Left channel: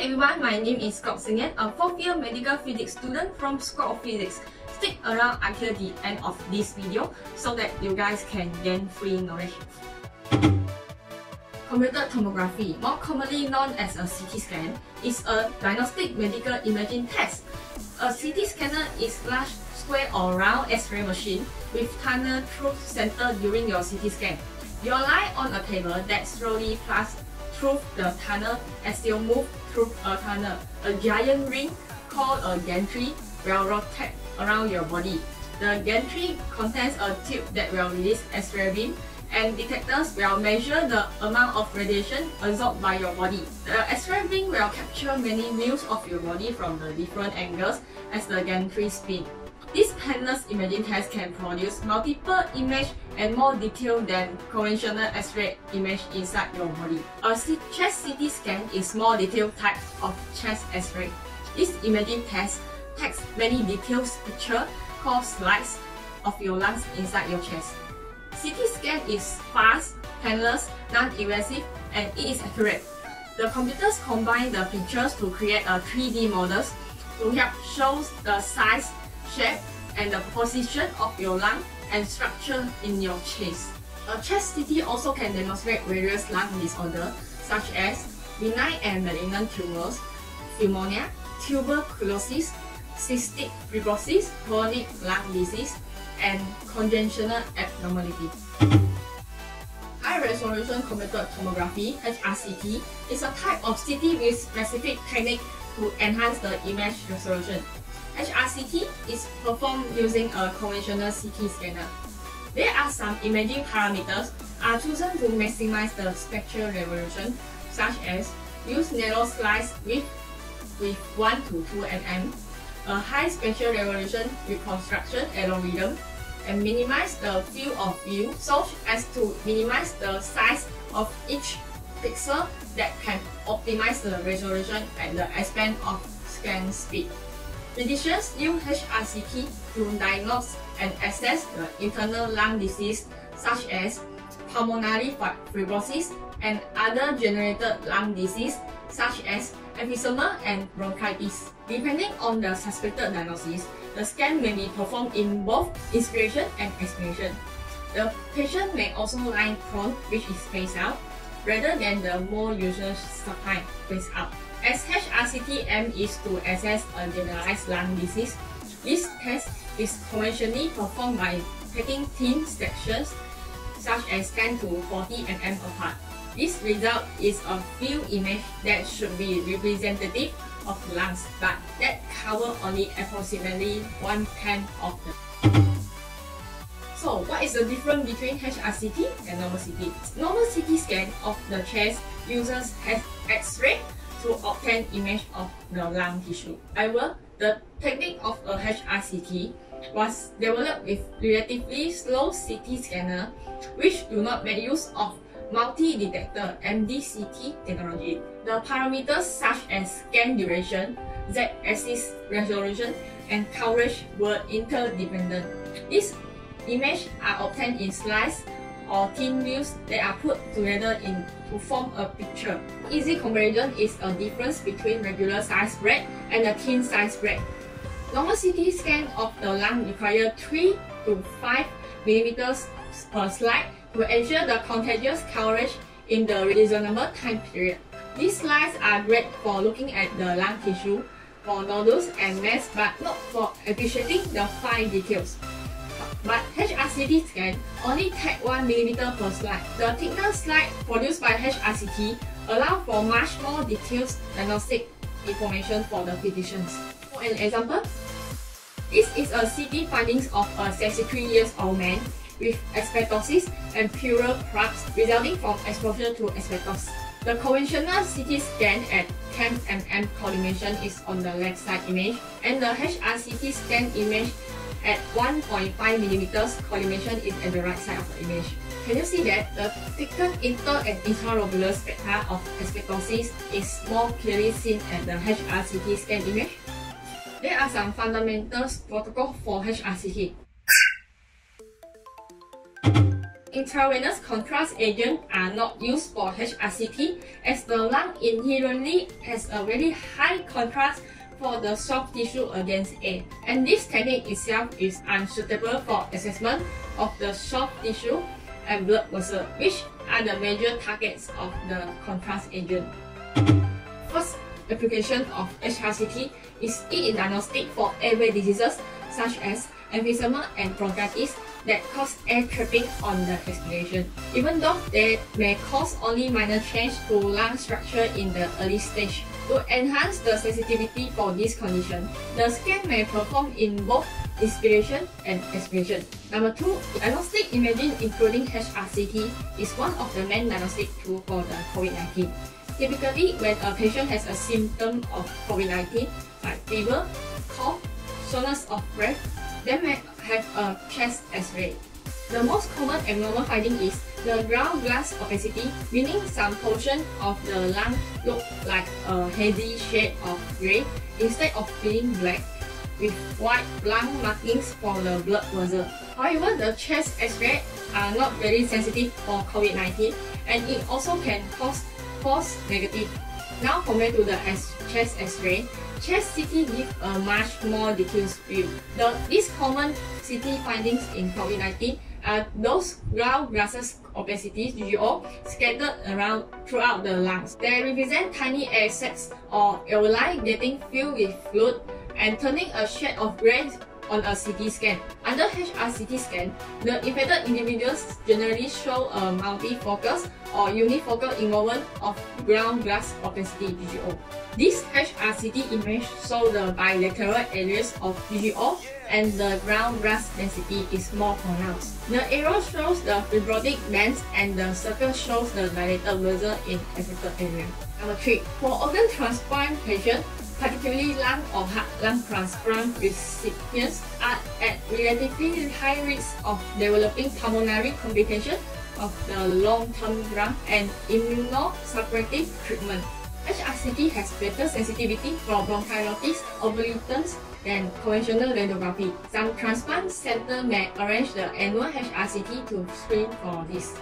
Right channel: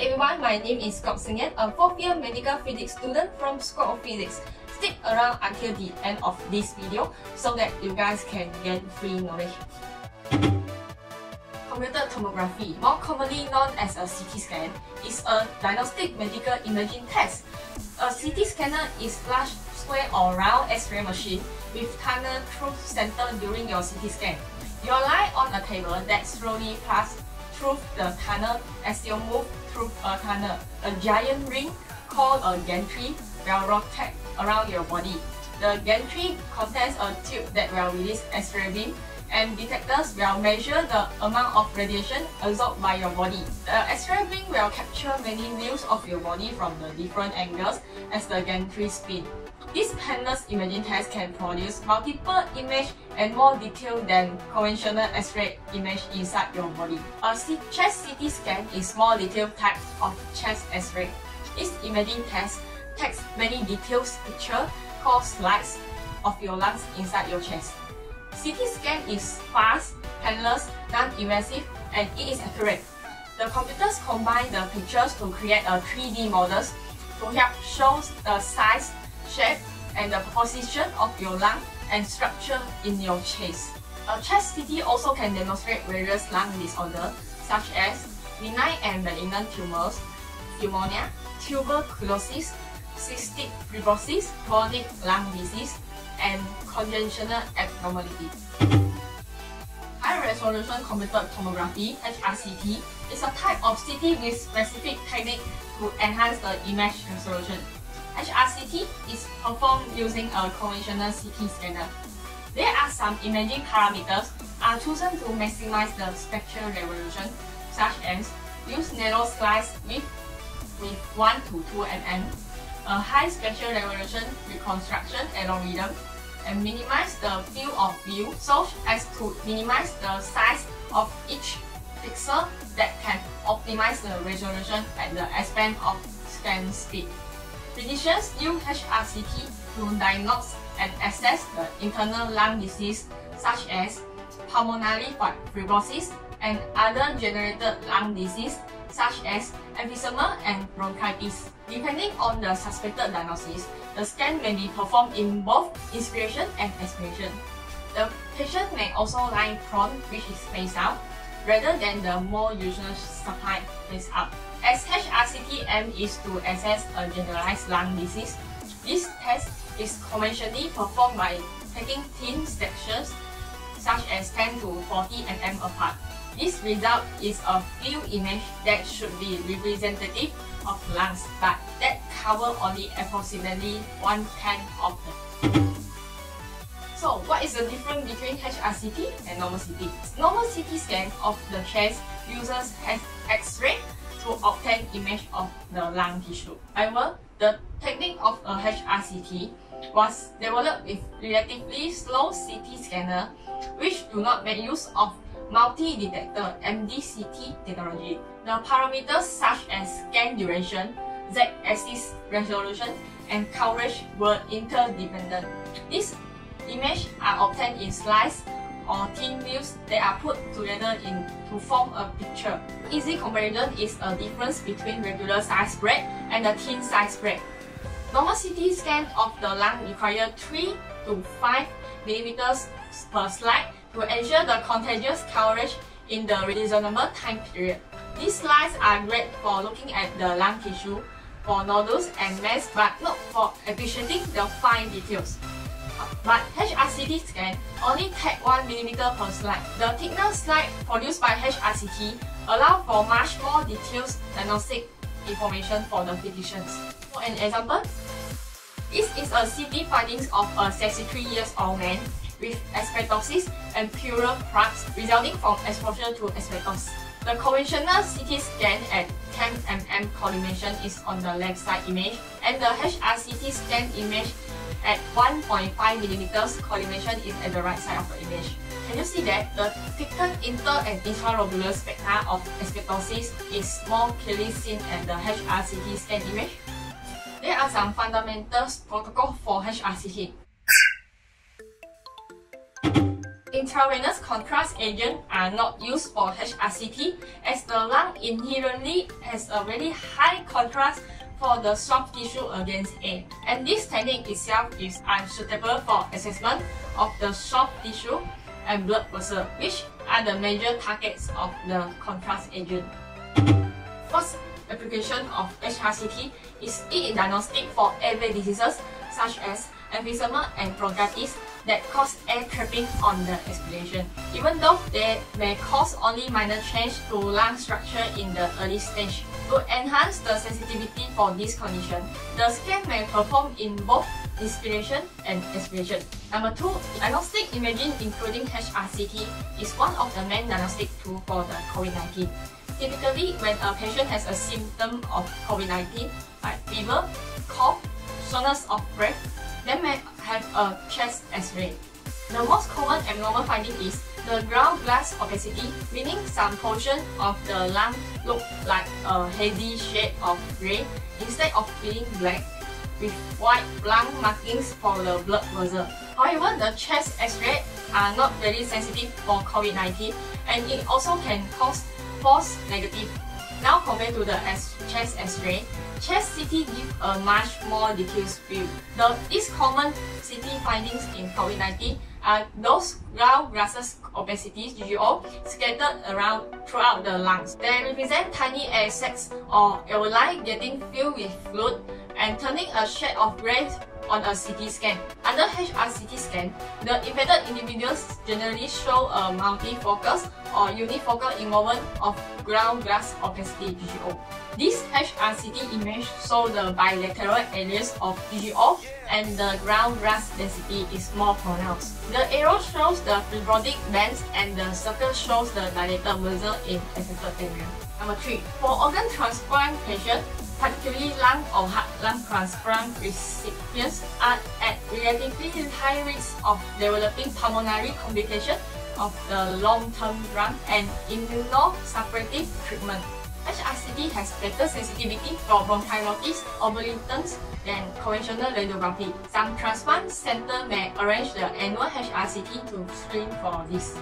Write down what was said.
Hi everyone, my name is Kok Sin Yean, a 4th year medical physics student from School of Physics. Stick around until the end of this video so that you guys can gain free knowledge. Computed tomography, more commonly known as a CT scan, is a diagnostic medical imaging test. A CT scanner is large, square or round X-ray machine with tunnel through center during your CT scan. You lie on a table that slowly passes through the tunnel as you move through a tunnel. A giant ring called a gantry will rotate around your body. The gantry contains a tube that will release X-ray beam, and detectors will measure the amount of radiation absorbed by your body. The X-ray beam will capture many views of your body from the different angles as the gantry spins. This painless imaging test can produce multiple images and more detailed than conventional X-ray image inside your body. A chest CT scan is more detailed type of chest X-ray. This imaging test takes many detailed pictures called slides of your lungs inside your chest. CT scan is fast, painless, non-invasive, and it is accurate. The computers combine the pictures to create a 3D models to help show the size, shape, and the position of your lung and structure in your chest. A chest CT also can demonstrate various lung disorders such as benign and malignant tumors, pneumonia, tuberculosis, cystic fibrosis, chronic lung disease, and congenital abnormality. High-resolution computed tomography (HRCT) is a type of CT with specific technique to enhance the image resolution. HRCT is performed using a conventional CT scanner. There are some imaging parameters are chosen to maximize the spectral resolution, such as use narrow slice width with 1 to 2 mm, a high spectral resolution reconstruction algorithm, and minimize the field of view so as to minimize the size of each pixel that can optimize the resolution and the expand of scan speed. Physicians use HRCT to diagnose and assess the internal lung disease such as pulmonary fibrosis and other generated lung disease such as emphysema and bronchitis. Depending on the suspected diagnosis, the scan may be performed in both inspiration and expiration. The patient may also lie prone, which is face out, rather than the more usual supine face out. As HRCT aim is to assess a generalized lung disease, this test is conventionally performed by taking thin sections such as 10 to 40 mm apart. This result is a few images that should be representative of lungs, but that cover only approximately 1/10 of them. So, what is the difference between HRCT and normal CT? Normal CT scan of the chest uses X-ray to obtain image of the lung tissue. However, the technique of a HRCT was developed with relatively slow CT scanner which do not make use of multi-detector MDCT technology. The parameters such as scan duration, Z-axis resolution, and coverage were interdependent. These images are obtained in slides or thin views that are put together to form a picture. Easy comparison is a difference between regular size spread and a thin size spread. Normal CT scan of the lung require 3 to 5 mm per slide to ensure the contiguous coverage in the reasonable time period. These slides are great for looking at the lung tissue, for nodules and mass, but not for appreciating the fine details. But HRCT scan only take 1 mm per slide. The thicker slide produced by HRCT allow for much more detailed diagnostic information for the physicians. For an example, this is a CT findings of a 63-year-old man with asbestosis and pleural plaques resulting from exposure to asbestos. The conventional CT scan at 10 mm collimation is on the left side image, and the HRCT scan image at 1.5 mm collimation is at the right side of the image. Can you see that the thickened inter- and intralobular spectra of asbestosis is more clearly seen at the HRCT scan image? There are some fundamental protocols for HRCT. Intravenous contrast agents are not used for HRCT as the lung inherently has a very high contrast for the soft tissue against air, and this technique itself is unsuitable for assessment of the soft tissue and blood vessels, which are the major targets of the contrast agent. First application of HRCT is in diagnostic for airway diseases such as emphysema and bronchitis that cause air trapping on the expiration. Even though they may cause only minor change to lung structure in the early stage. To enhance the sensitivity for this condition, the scan may perform in both inspiration and expiration. Number 2, diagnostic imaging including HRCT is one of the main diagnostic tools for the COVID-19. Typically, when a patient has a symptom of COVID-19 like fever, cough, shortness of breath, they may have a chest X-ray. The most common abnormal finding is the ground glass opacity, meaning some portion of the lung look like a hazy shade of grey instead of being black, with white lung markings for the blood vessel. However, the chest X-ray are not very sensitive for COVID-19, and it also can cause false negative. Now compared to the chest X-ray, chest CT gives a much more detailed view. These common CT findings in COVID-19 are those ground glasses opacities (GGO) scattered around throughout the lungs. They represent tiny air sacs or alveoli getting filled with fluid and turning a shade of grey on a CT scan. Under HRCT scan, the infected individuals generally show a multifocus or unifocal involvement of ground glass opacity (GGO). This HRCT image shows the bilateral areas of GGO and the ground glass density is more pronounced. The arrow shows the fibrotic bands and the circle shows the dilated vessel in affected area. Number 3. For organ transplant patients, particularly lung or heart lung transplant recipients, are at relatively high risk of developing pulmonary complications of the long-term drug and immunosuppressive treatment. HRCT has better sensitivity for bronchiolitis obliterans than conventional radiography. Some transplant centers may arrange the annual HRCT to screen for this.